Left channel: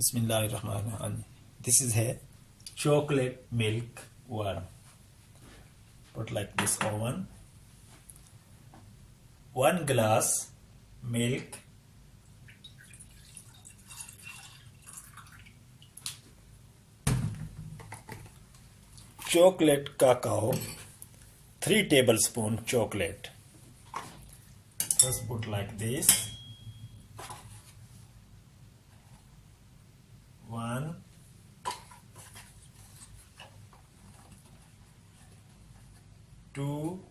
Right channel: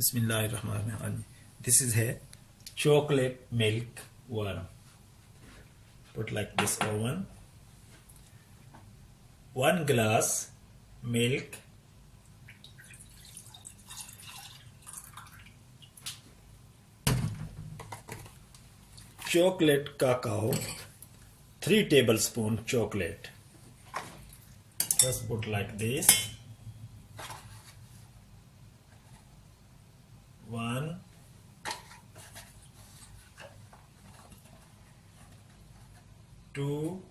Bismillahirrahmanirrahim. This is a chocolate milk worm. Put like this oven. 1 glass milk. Chocolate cacao. 3 tablespoons chocolate. Just put like this. 1, 2,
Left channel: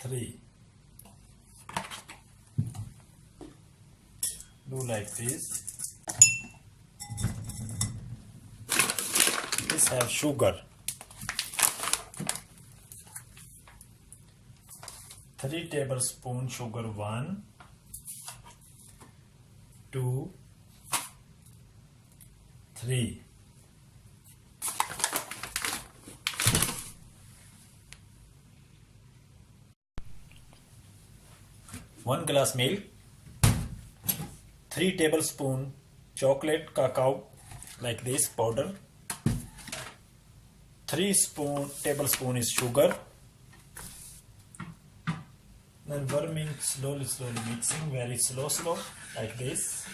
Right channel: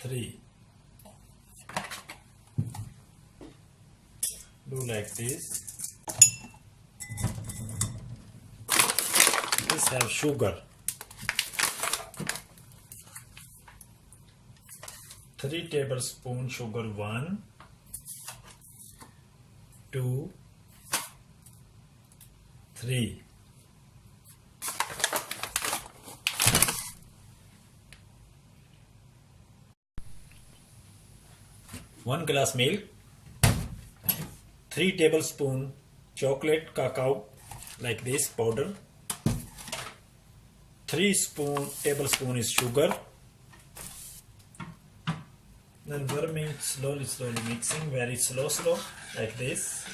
3. Do like this. This have sugar. 3 tablespoons sugar. 1, 2, 3. One glass milk, 3 tablespoons chocolate cacao like this powder, 3 tablespoons is sugar. Then warming slowly mixing, very slow like this.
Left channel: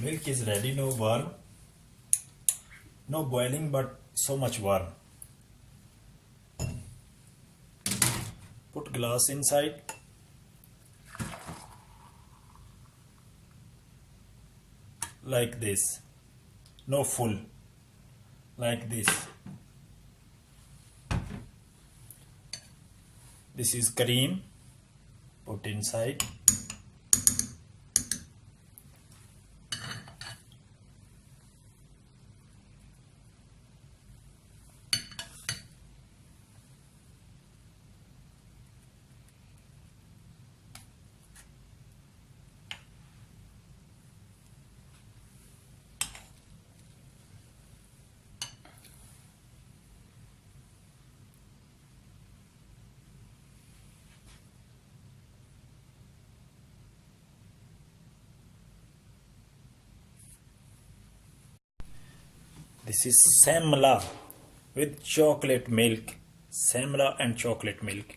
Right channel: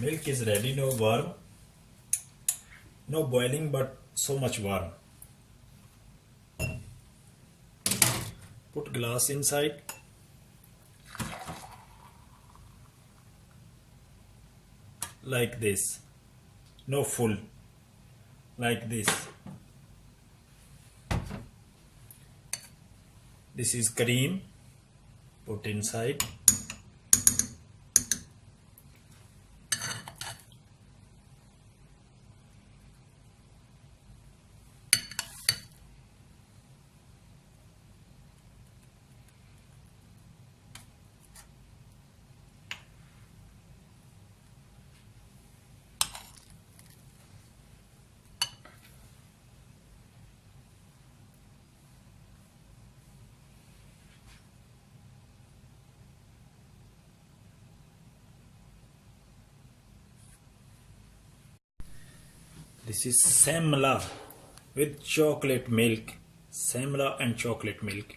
Milk is ready, no warm, no boiling, but so much warm. Put glass inside. Like this, no full, like this. This is cream, put inside. This is semla with chocolate milk. Semla and chocolate milk.